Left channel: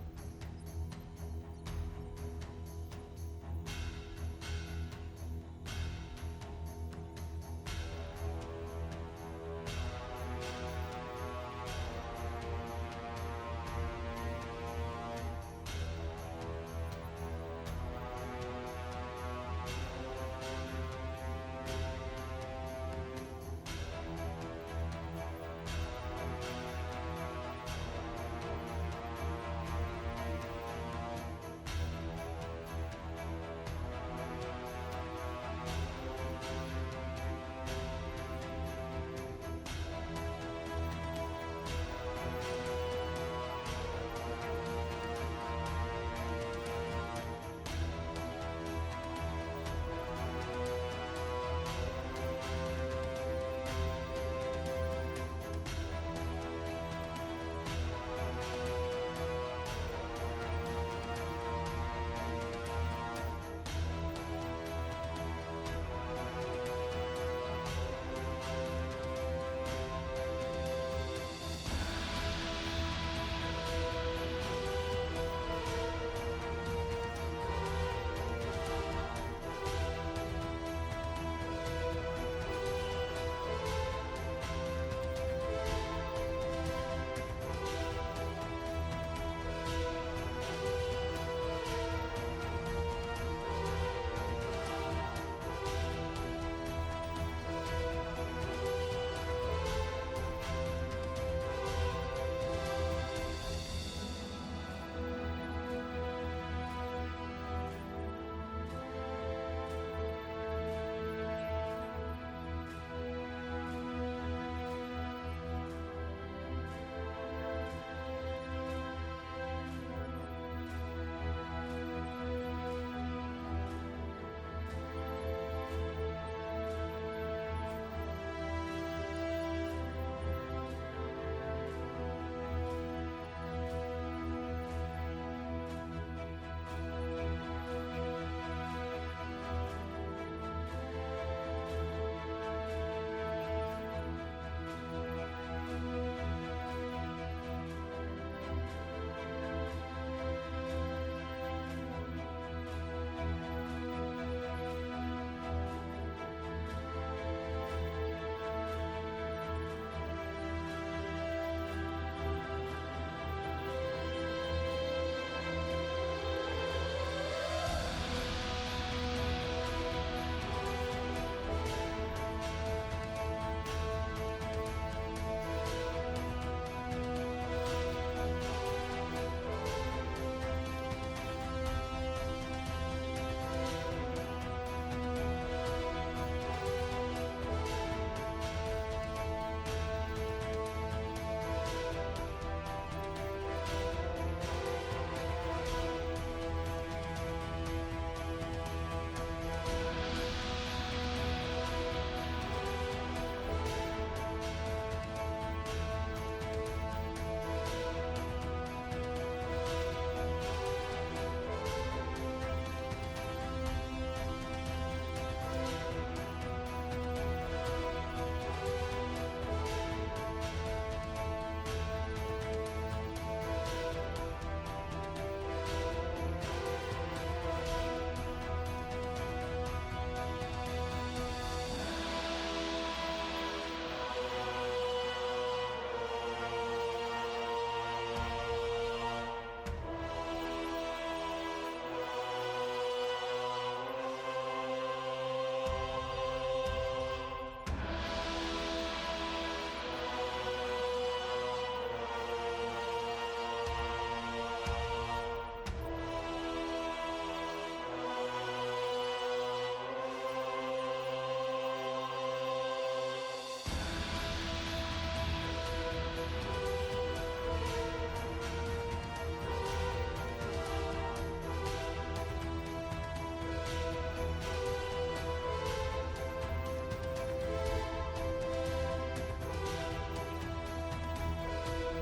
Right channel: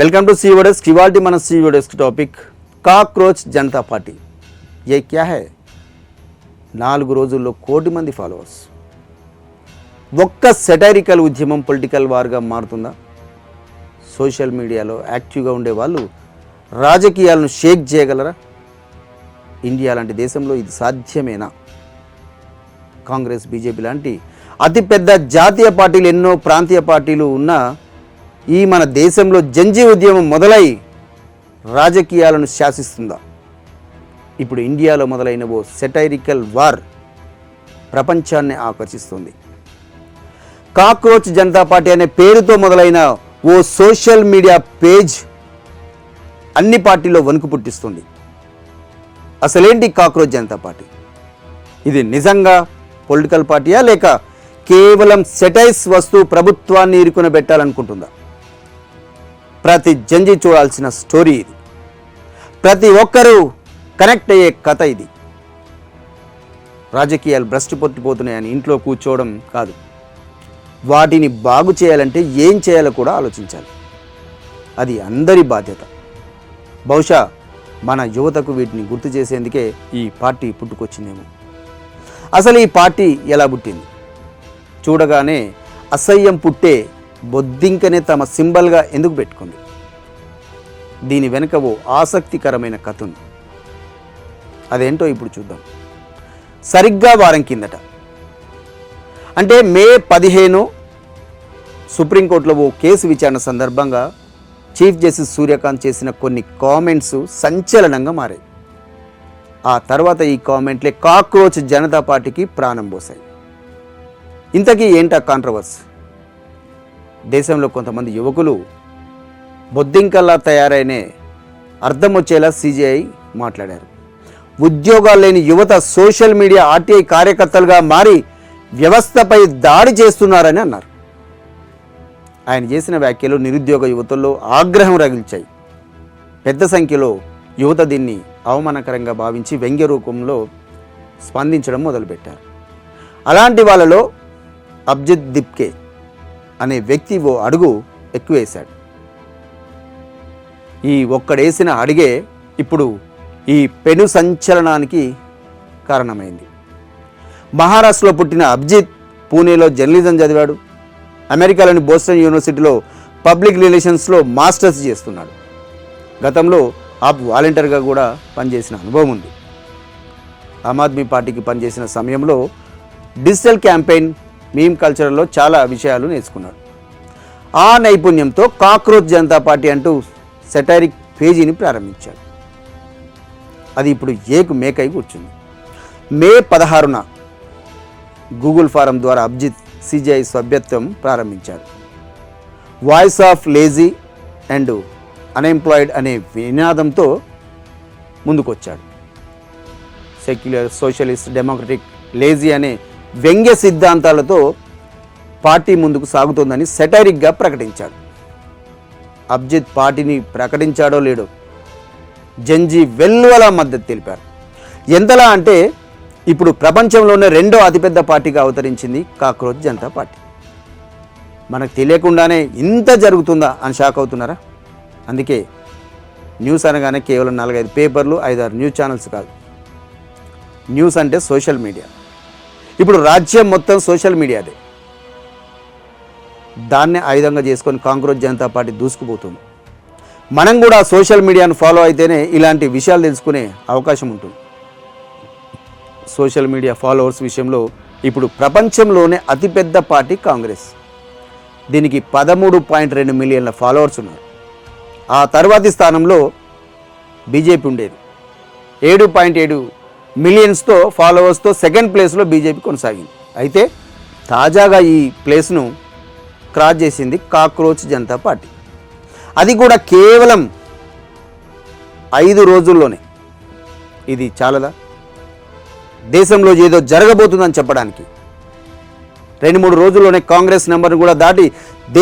Welcome to CO desk. इवाल्टी मन CO desk topic cockroach Janata party. ये क्या है? 4 రోజుల్లో కోటి మంది ఫాలోవర్స్. ఒక్క సెటైరికల్ ఉద్యమం పొలిటికల్ వార్గా మారుతుందా? సోషల్ మీడియాలో యాక్టివ్గా ఉండే వాళ్ళు రాజకీయాలను షేక్ చేయగలరా? ఇండియా లాంటి దేశంలో ఇది సాధ్యమేనా? కాంగ్రెస్, బీజేపీ లాంటి అతిపెద్ద జాతీయ పార్టీలు, ఎన్నో ప్రాంతీయ పార్టీలు ఉన్న ఈ మన దేశంలో జంజీ ఉద్యమం మొదలై రాజకీయాలను శాసిస్తుందా? ఇప్పుడు ఇండియాలో మొదలైన ఓ సెటైరికల్ వార్ ప్రపంచాన్ని ఆకర్షిస్తుంది. కాక్రోచ్ జనతా పార్టీ అనే పేరుతో మొదలైన ఓ సోషల్ మీడియా పేజ్ అన్ని పార్టీల్లో వణుకు పుట్టిస్తుంది. అసలేంటి కాక్రోచ్ జనతా పార్టీ? ఇది నిజంగా పొలిటికల్ పార్టీయా, లేక కేవలం సెటైర్స్ వస్తూ ప్రభుత్వాన్ని ఇరుకున పెట్టాలనుకుంటుందా? ప్రతి జంజీ చూడాల్సిన స్టోరీ ఇది. ప్రతి ఒక్కరూ కనెక్ట్ అయ్యే కథ ఇది. రాజకీయాలు భ్రష్టు పట్టిపోతున్నాయని ఇంట్లో కూర్చోవడం కాదు, వాటిని బాగు చేయాలంటే ఏం చేయాలో కూడా ఆలోచించాలి. అది అందరి బాధ్యత. బహుశా మన యువతకు వీటిని గుర్తు చేసేందుకే ఈ పార్టీ పుట్టుకొచ్చిందేమో. అసలు ఈ పార్టీ ఎలా పుట్టింది? చూడగానే అసహ్యం పుట్టే బొద్దింకనే తమ సింబల్గా ఎందుకు పెట్టుకుంది? దీని వెనుక ఓ ఆసక్తికరమైన కథ ఉంది. అదేంటో ఇప్పుడు చూద్దాం. సరిగ్గా వారం కిందట, అంటే మే 15 సుప్రీంకోర్టులో ఓ కేసు విచారణ సందర్భంగా చీఫ్ జస్టిస్ సూర్యకాంత్ చేసిన కొన్ని కామెంట్స్ సంచలనంగా మారాయి. ఆ తర్వాత ఈ కామెంట్లే కాక్రోచ్ జనతా పార్టీకి ప్రాణం పోసాయి. ఇంతకీ ఏంటా కాంట్రవర్సీ? దేశంలో కొంతమంది యువకులు బొద్దింకల్లా తయారైన అర్థం వచ్చేలా సిజేఐ మాట్లాడారు. ఉద్యోగాలు లేని యువత సోషల్ మీడియా ఆర్టీఐ కార్యకర్తలుగా మారి వ్యవస్థపై దాడి చేస్తున్నారని అన్నారు. ఆయన చేసిన వ్యాఖ్యలు నిరుద్యోగ యువతల్లో ఆగ్రహం రగిల్చాయి. పెద్ద సంఖ్యలో యువత దీన్ని అవమానకరంగా భావించి వ్యంగ్య రూపంలో స్పందించడం మొదలుపెట్టారు. అలాంటి వాళ్ళలో అబ్జిత్ దిప్కే అనే వ్యక్తి ఓ అడుగు ఎక్కువేశాడు. ఈ ఒక్కడేసిన అడిగే ఇప్పుడు ఈ పెను సంచలనానికి కారణమైంది. మహారాష్ట్రలో పుట్టిన అబ్జిత్ పూణేలో జర్నలిజం చదివాడు. అమెరికాలోని బోస్టన్ యూనివర్సిటీలో పబ్లిక్ రిలేషన్స్లో మాస్టర్స్ చేస్తున్నాడు. గతంలో వాలంటీర్గా కూడా పనిచేసిన అనుభవం ఉంది. ఆమ్ ఆద్మీ పార్టీకి పనిచేసిన సమయంలో డిజిటల్ క్యాంపెయిన్, మీమ్ కల్చర్లో చాలా విషయాలు నేర్చుకున్నాడు. ఆ నైపుణ్యంతో కాక్రోచ్ జనతా పార్టీ అంటూ సెటైరిక్ పేజీని ప్రారంభించాడు. అది ఇప్పుడు ఏకు మేకై కూర్చుంది. మే 16న గూగుల్ ఫారం ద్వారా అబ్జిత్ సిజేఐ సభ్యత్వం ప్రారంభించారు. Voice of lazy and unemployed అనే నినాదంతో ముందుకొచ్చాడు. సెక్యులర్, సోషలిస్ట్, డెమోక్రటిక్, లేజీ అనే వ్యంగ్య సిద్ధాంతాలతో పార్టీ ముందుకు సాగుతోందని సెటైరిక్గా ప్రకటించాడు. అబ్జిత్ పార్టీని ప్రకటించాడో లేడో జంజీ వెల్లువల మద్దతు తెలిపారు. ఎంతలా అంటే ఇప్పుడు ప్రపంచంలోనే 2వ అతిపెద్ద పార్టీగా అవతరించింది కాక్రోచ్ జనతా పార్టీ. మనకు తెలియకుండానే ఇంత జరుగుతుందా అని షాక్ అవుతున్నారా? అందుకే న్యూస్ అనగానే కేవలం 4-5 పేపర్లు, 5-6 న్యూస్ ఛానల్స్ కాదు. న్యూస్ అంటే సోషల్ మీడియా. ఇప్పుడు రాజ్యం మొత్తం సోషల్ మీడియాదే. దాన్నే ఆయుధంగా చేసుకొని కాంగ్రెస్ జనతా పార్టీ దూసుకుపోతుంది. మనం కూడా సోషల్ మీడియాను ఫాలో అయితేనే ఇలాంటి విషయాలు తెలుసుకునే అవకాశం ఉంటుంది. సోషల్ మీడియా ఫాలోవర్స్ విషయంలో ఇప్పుడు ప్రపంచంలోనే అతిపెద్ద పార్టీ కాంగ్రెస్. దీనికి 13.2 మిలియన్ల ఫాలోవర్స్ ఉన్నారు. ఆ తర్వాతి స్థానంలో బీజేపీ ఉండేది. 7.7 మిలియన్స్తో ఫాలోవర్స్తో సెకండ్ ప్లేస్లో బీజేపీ కొనసాగింది. అయితే తాజాగా ఈ ప్లేస్ను క్రాస్ చేసింది కాక్రోచ్ జనతా పార్టీ. అది కూడా కేవలం 5 రోజుల్లోనే. ఇది చాలదా? దేశంలో ఏదో జరగబోతుందని చెప్పడానికి 2-3 రోజుల్లోనే కాంగ్రెస్ నెంబర్ను కూడా దాటి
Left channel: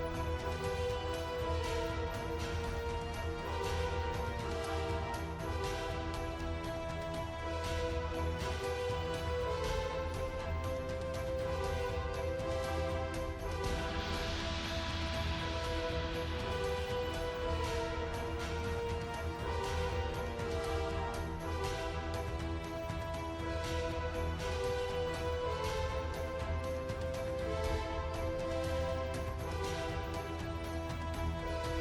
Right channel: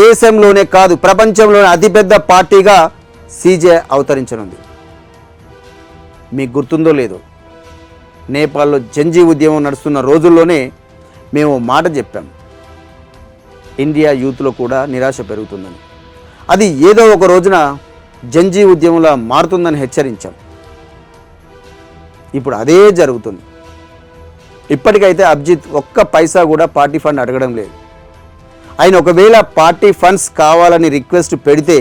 దేశంలోనే కాదు ప్రపంచంలోనే అతిపెద్ద పార్టీగా సిజేఐ అవతరించనుంది. మీకు గుర్తుందో లేదో, నేపాల్లో జంజీ ఉద్యమం నడుస్తున్న రోజుల్లోనే మేము మాట చెప్పాం, ఇండియా యూత్లో కూడా నిరాశ పెరుగుతుందని. అది ఏదో ఒక రోజున జంజీ ఉద్యమంలా మారుతుందని హెచ్చరించాం. ఇప్పుడు అదే జరుగుతుంది. ఇప్పటికైతే అభిజిత్ ఒక్క పైసా కూడా పార్టీ ఫండ్ అడగడం లేదు. ఆయన ఒకవేళ పార్టీ ఫండ్స్ కావాలని రిక్వెస్ట్ పెడితే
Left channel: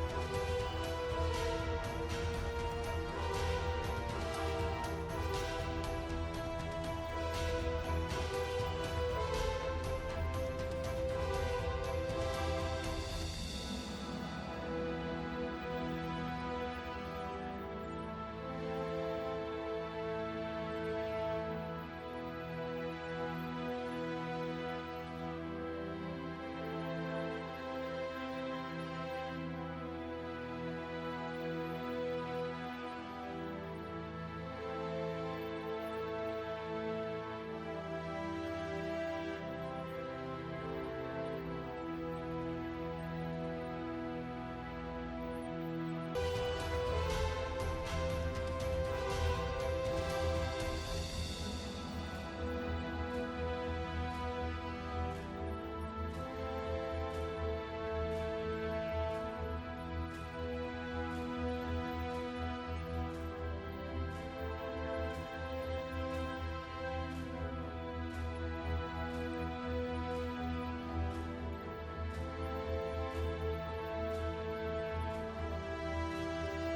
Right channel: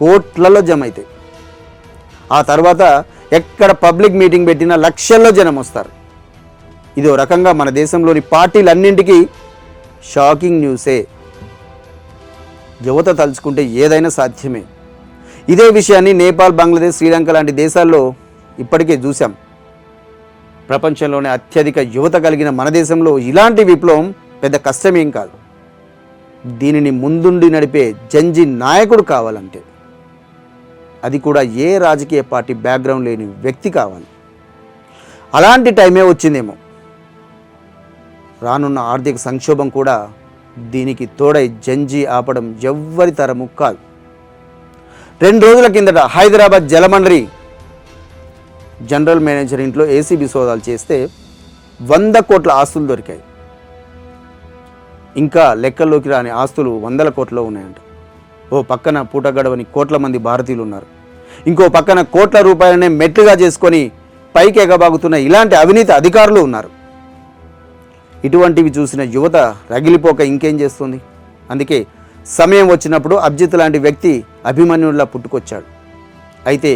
కోట్లలో జమ అవుతాయి. ఆ తర్వాత ఎక్కడ పబ్లిక్ మీటింగ్ పెట్టినా లక్షల్లో జనం వస్తారు. ఇదో రకంగా మన దేశంలోని పార్టీలన్నింటికీ షాకింగ్ న్యూసే. యువత తలుచుకుంటే ఏదైనా సాధ్యమే. ఇదే విషయాన్ని నేపాల్, బంగ్లాదేశ్, శ్రీలంక లాంటి దేశాల్లో ఇప్పటికే చూసాం. ప్రపంచంలోనే అత్యధిక యువత కలిగిన మన దేశంలో ఇలాంటి విప్లవం పెద్ద కష్టమేం కాదు. దీనిని ముందుండి నడిపే జంజీ నాయకుడు కావాలంటే అది కూడా ఏ రాజకీయ పార్టీ బ్యాక్గ్రౌండ్ లేని వ్యక్తి కావాలి. అలాంటి టైమే వచ్చిందేమో. రానున్న ఆర్థిక సంక్షోభం కూడా దీనికి తోడై జంజీ ఆపడం ఎవ్వరి తరము కాదు. 2 రోజుల కిందట హైదరాబాద్ జలమండలి జనరల్ మేనేజర్ ఇంట్లో ఏసీబీ సోదాలు చేస్తే 100 కోట్ల ఆస్తులు దొరికాయి. ఇంకా లెక్కల్లోకి రాని ఆస్తులు 100 కోట్లలో ఉన్నాయంట. ఓ పక్కన పూట గడవని కోట్ల మంది భారతీయులు ఉన్నారు. ఇంకో పక్కన కోట్ల రూపాయలనే మెట్లుగా చేసుకొని పైకి ఎగబాగుతున్న ఇలాంటి అవినీతి అధికారులు ఉన్నారు. ఇటువంటివి చూసిన యువత రగిలిపోక ఇంకేం చేస్తుంది? అందుకే సమయం వచ్చినప్పుడు అభిజిత్ లాంటి వ్యక్తి అభిమన్యుడిలా పుట్టుకొచ్చాడు. అయితే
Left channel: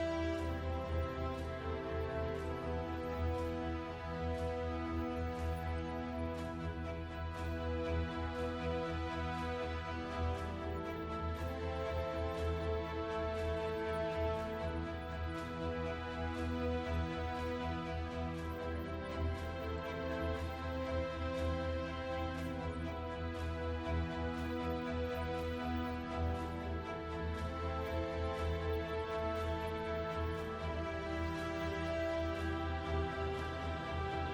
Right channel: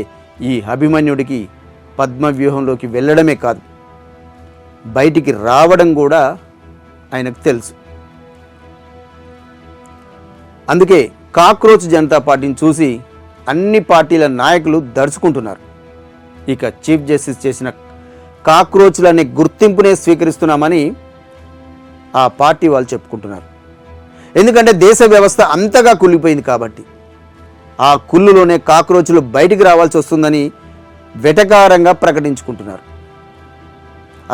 ఈ అభిమన్యుడికి పద్మవ్యూహంలోకి వెళ్ళడమే కాదు, బయటికి రావడం కూడా ఆయనకు తెలుసు. అందుకే కాక్రోచ్ జనతా పార్టీని చూసి అన్ని పార్టీల నాయకులు దర్చుకుంటున్నారు. ఇక చీఫ్ జస్టిస్ చేసిన కాక్రోచ్లనే గుర్తింపునే స్వీకరిస్తున్నామని ఆ పార్టీ వాళ్ళు చెప్పుకుంటున్నారు. ఎందుకంటే దేశ వ్యవస్థ అంతగా కుళ్ళిపోయింది కాబట్టి ఆ కుళ్ళులోనే కాక్రోచ్లు బయటికి రావాల్సి వస్తుందని వెటకారంగా ప్రకటించుకుంటున్నారు.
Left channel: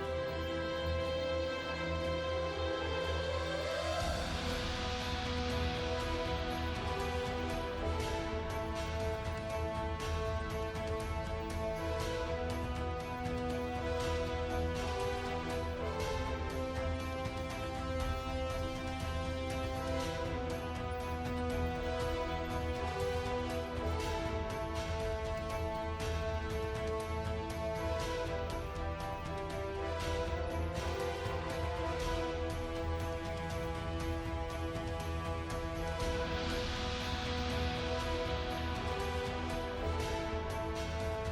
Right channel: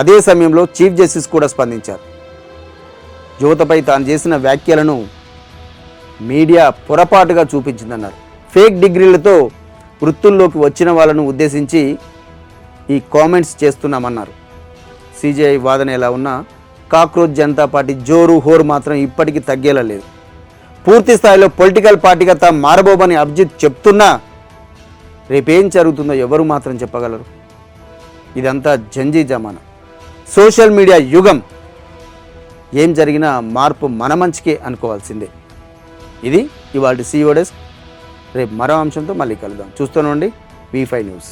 అదే సమయంలో చీఫ్ జస్టిస్ కూడా స్పందించారు. యువతపై తాను చేసిన వ్యాఖ్యలను మీడియా పొరపాటుగా చూపించిందన్నారు. ఫేక్ డిగ్రీలతో వృత్తుల్లోకి వచ్చిన వాళ్ళను ఉద్దేశించి ఈ కామెంట్స్ చేస్తున్నామన్నారు. సిజేఐ వాదన ఎలా ఉన్నా కాక్రోచ్ జనతా పార్టీ జోరు హోరు మాత్రం ఇప్పటికీ తగ్గేలా లేదు. పూర్తి స్థాయిలో పొలిటికల్ పార్టీగా తాము మారబోమని అభిజిత్ చెప్తున్నా రేపేం జరుగుతుందో ఎవరు మాత్రం చెప్పగలరు? ఇదంతా జంజీ జమానా, సోషల్ మీడియా యుగం. ఏం జరిగినా మార్పు మన మంచికే అనుకోవాల్సిందే. ఇది ఇవాళ CEO డెస్క్. రేపు మరో అంశంతో మళ్ళీ కలుద్దాం. చూస్తూనే ఉండండి V5 న్యూస్.